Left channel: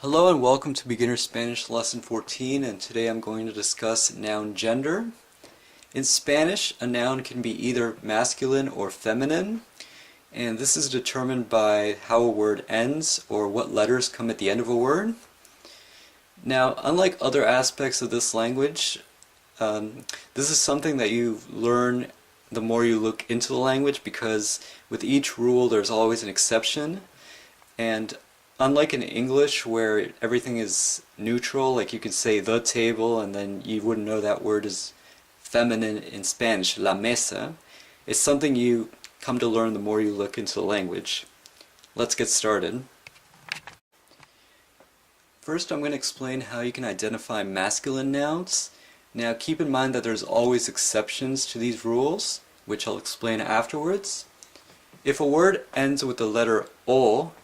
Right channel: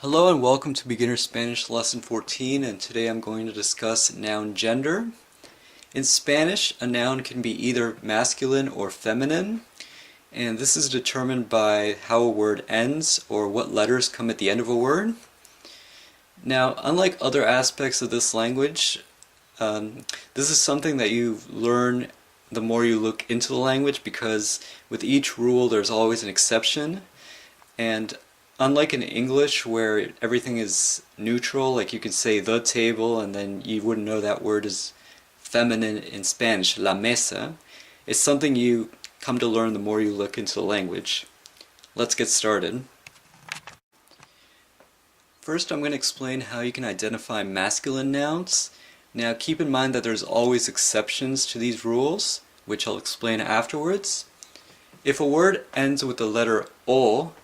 Hello and welcome to Beginner Spanish Lesson 14, and today I'm going to discuss noun gender. In Spanish, a noun can be either masculine or feminine, and this is determined by how a word ends or what letters come at the end of a word. Now, unlike other aspects of this language, this is something that you learn the more you look into the language, because with each rule there's always an exception. And unlike in English where everything is neutral, like you could say the table and then you wouldn't know that word is feminine in Spanish, la mesa, it's something you come to learn the more you look into the language. Let's get started. First, I'm going to explain how you can identify masculine nouns. Now keep in mind that there's always exceptions to these rules, which I'll explain afterwards. If a word ends with the letter O,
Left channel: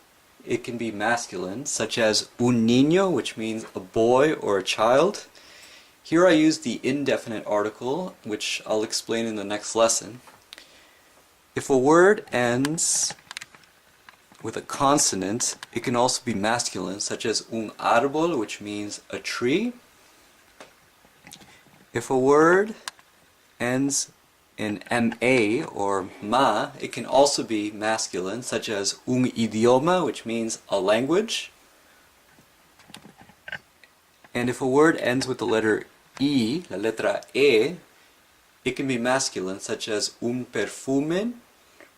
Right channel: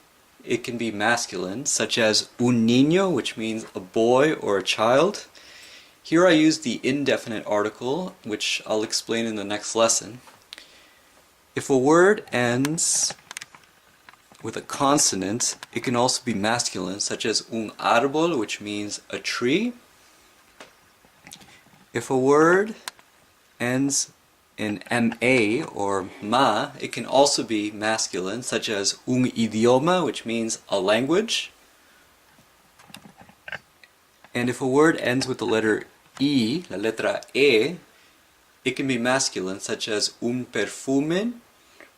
it can be masculine, such as un niño, which means a boy or a child. Here I use the indefinite article, which I'll explain in the next lesson. If a word ends with a consonant, it can also be masculine, such as un árbol, which means a tree. If a word ends in ma or ma, it can also be masculine, such as un idioma, which means a language. And if a word ends with the letter I, la letra E, it can be masculine, such as un perfume,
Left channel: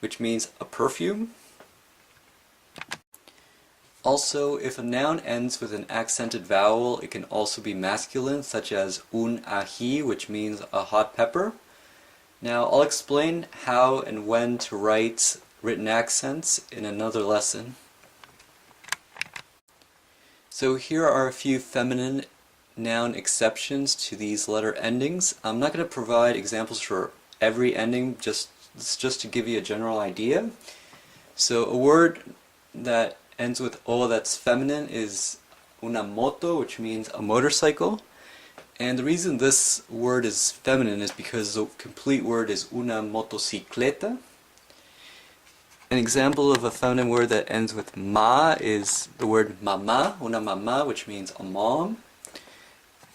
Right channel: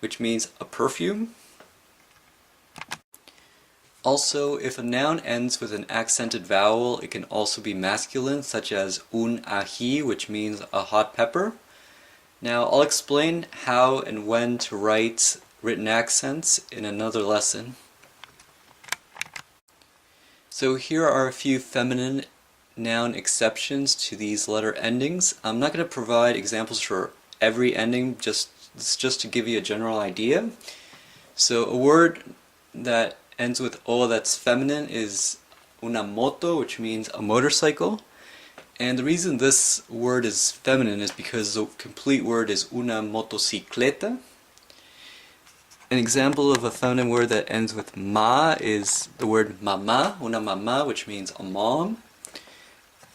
which means a perfume. Also, if a noun ends with an accented vowel, it can also be masculine, such as un ají, which means a hot pepper. Now, I'll explain how and when to write written accents in another lesson. So here are a few feminine noun exceptions to these letter endings. I'm not going to provide examples for every ending, just to give you a general idea. So a word that ends with O that's feminine is una moto, which means a motorcycle. And the reason this word is feminine is because the complete word is una motocicleta. An example of a feminine word that ends with ma is the word mamá, una mamá, which means a mom.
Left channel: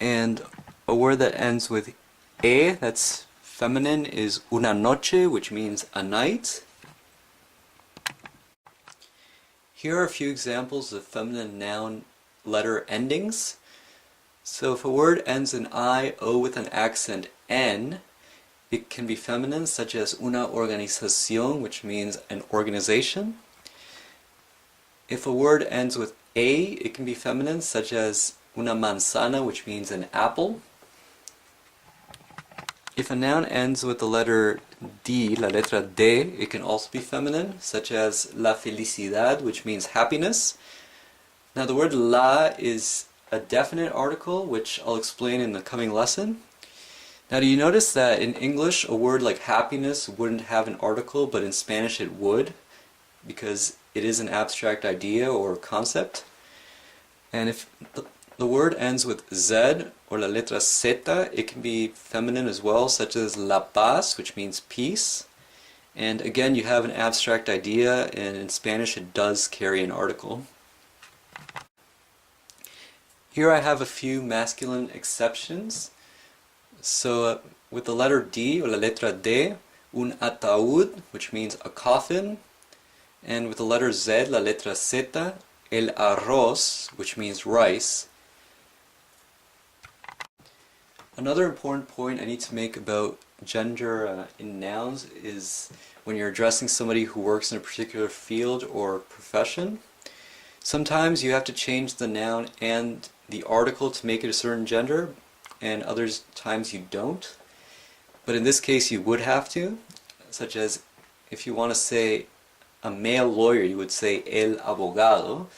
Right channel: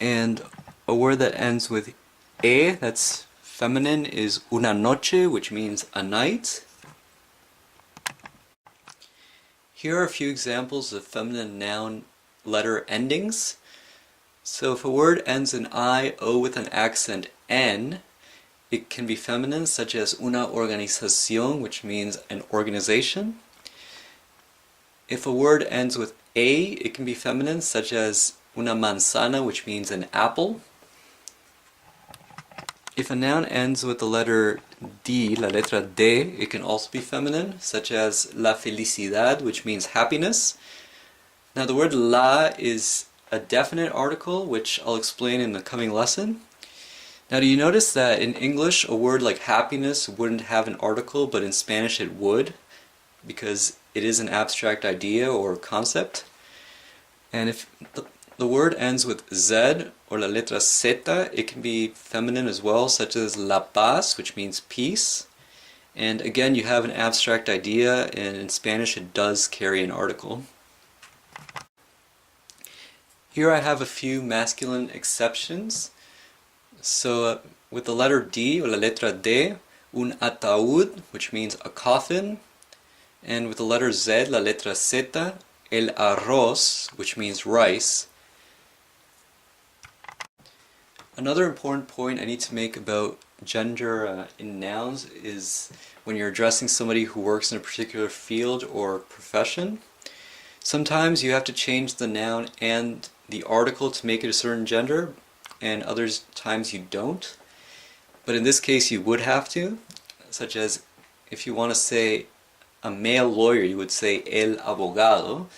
And a word that ends with e, that's feminine, is una noche, which means a night. Here are a few examples of feminine noun letter endings. So if a word ends in I, O with an accent N, it can be feminine, such as una organización, which means an organization. If a word ends with A, it can be feminine, such as una manzana, which means an apple. If a noun ends with the letter D, la letra D, it can also be feminine, such as la felicidad, which means happiness. Now the word la is a definite article, which I'll explain in the coming lesson. Now, do you notice that in English a word like happiness wouldn't have an article, but in Spanish it would, because it is an abstract idea or concept? And if the word ends with Z or la letra zeta, it can be feminine as well, such as la paz, which means peace. And again, you have an abstract idea, and in Spanish it does carry an article. Here I have a few masculine exceptions. So with the letter D, or la letra D, un ataúd, which means a coffin. And with the letter Z, la letra zeta, el arroz, which means rice. Another important point I need to make about gender in nouns is when you're addressing somebody who works in a particular field or profession. Sometimes you have to change the noun and the article to make it a certain gender, and other times you don't. But in this case you would have to, such as if you want to say a male lawyer, you would say el abogado.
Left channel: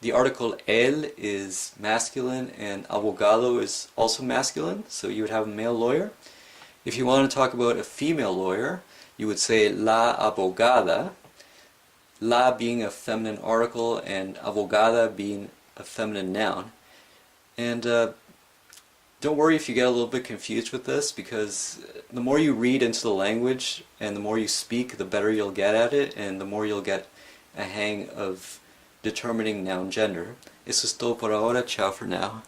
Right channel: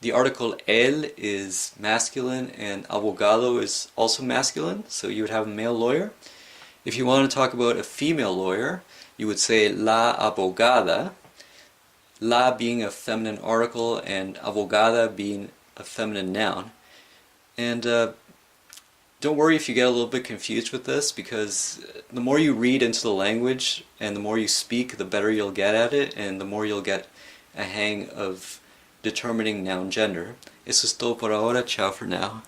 The article el is masculine and abogado is also masculine, so you would have a male lawyer. If you want to talk about a female lawyer, you would say la abogada, la being a feminine article and abogada being a feminine noun. And don't worry if you get a little bit confused with this, because the more you read into the language and the more you speak, the better you'll get at it, and the more you'll get a hang of determining noun gender. Eso es todo por ahora. Ciao for now.